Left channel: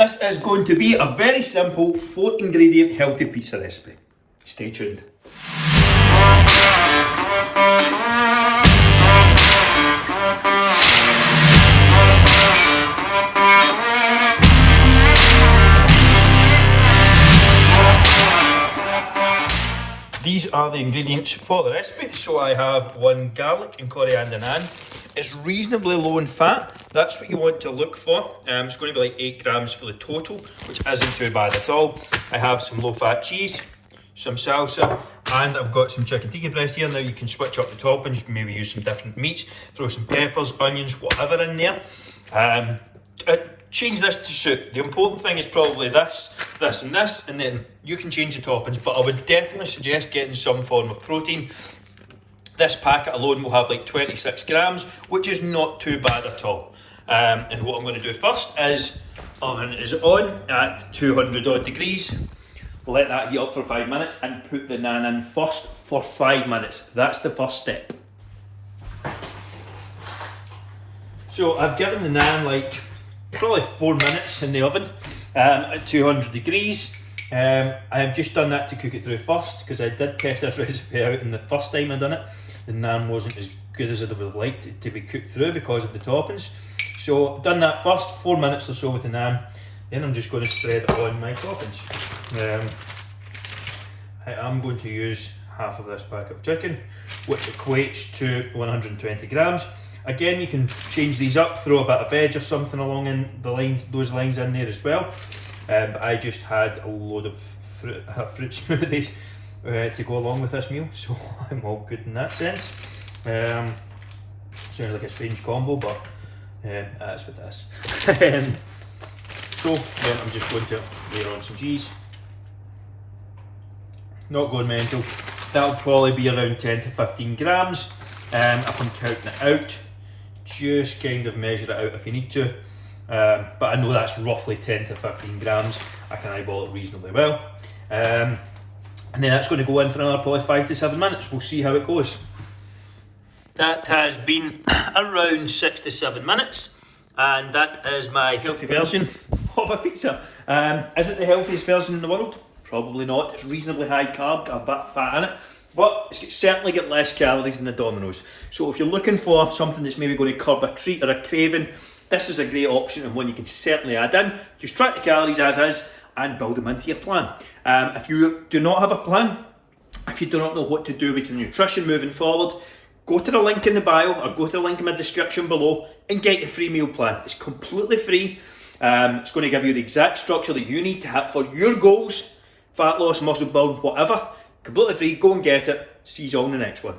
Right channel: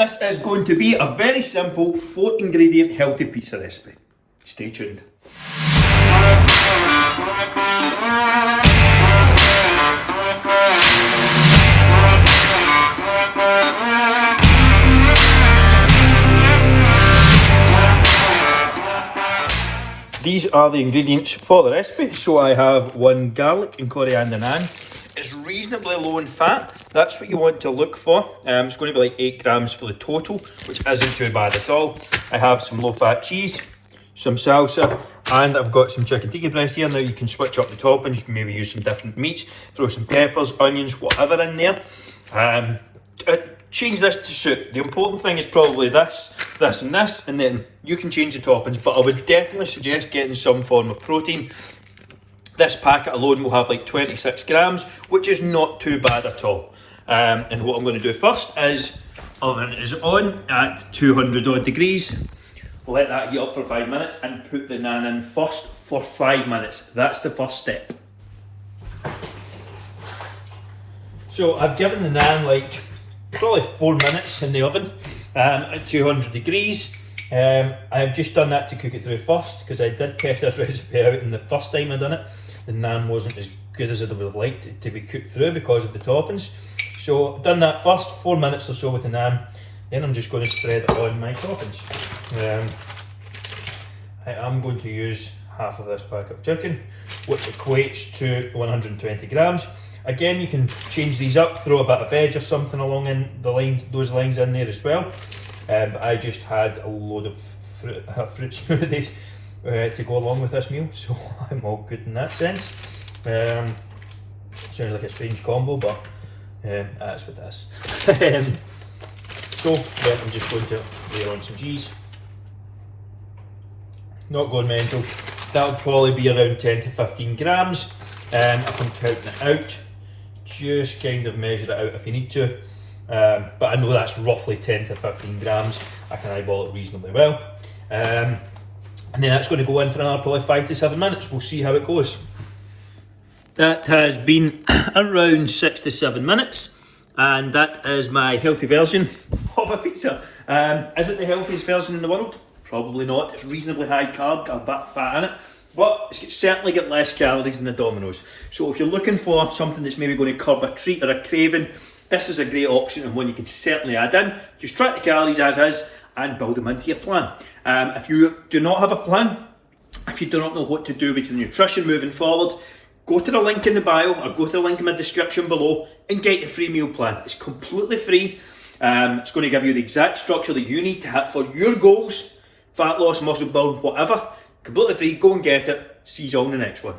This is going to be a very simple 4-ingredient healthy pizza recipe. Stay tuned. These are the ingredients for the recipe. So I have 1 garlic and coriander naan. It's reasonably low in fat. That's what you want to look for. It's going to be like 8 grams for the total, which isn't too bad at all. I have some low-fat cheese, some salsa, and I've got some chicken tikka breast here. Now you can switch up the toppings. You can maybe use some different meats, throw some peppers, onions, whatever in there. Change this to suit. The important thing is probably this, this and this, and then you can change the toppings, but I would definitely suggest getting some form of protein. This packet alone will have like 26 grams, which is not too bad at all. And what I'm going to do first is, oven is on at 200 odd degrees. We'll let that heat up for 5 minutes and put the naan in first for 5 minutes. That's the first step. So I've given the naan like probably 4 minutes in the oven at 200 degrees. I have just done that to cook it through first, because I did test this recipe out, and the first time I done it, the naan wasn't as good as I would have liked it to be cooked through because of the toppings. So I've done that first, 4 minutes or so with the naan. Then I'm just going to spread it on my toppings. I am going to use half of this pack of chicken, which equates to 120 grams. Again, you can change these up, throw a bit of veg or something along in the lines, those lines in there as well. But I just had a load of fruit smoothies to go along with this meal, so I'm all good in that sense. Sounds like a strange combo, but that's what it is. So then I'm just going to layer on some cheese. Not going mental. That'll probably be around 10 to 15 grams. If I'm counting it out, just kind of measure it out if you need to. But I know that's roughly 10 to 15 grams. I can eyeball it reasonably well. And then that's going to go in for another probably 5 to 7 minutes. We'll see how it goes. That has been around 6 to 7 minutes. And that is my healthy version of a pizza. Is it the healthiest version in the world? Probably not. It's reasonably high carb, got a bit of fat in it. But it's certainly got less calories than the Domino's. So if you're looking for something that's maybe going to curb a treat or a craving, this is a great option and one you can certainly add in. Just track the calories as is and build them into your plan. If you do not have a plan, if you do not know what to do with your nutrition moving forward, go to the link in the bio or go to the link in my description below and get your free meal plan. It's completely free. It's going to give you the exact structure that you need to have for your goals, fat loss, muscle build, whatever. Completely free. Go and get it. See you all in the next one.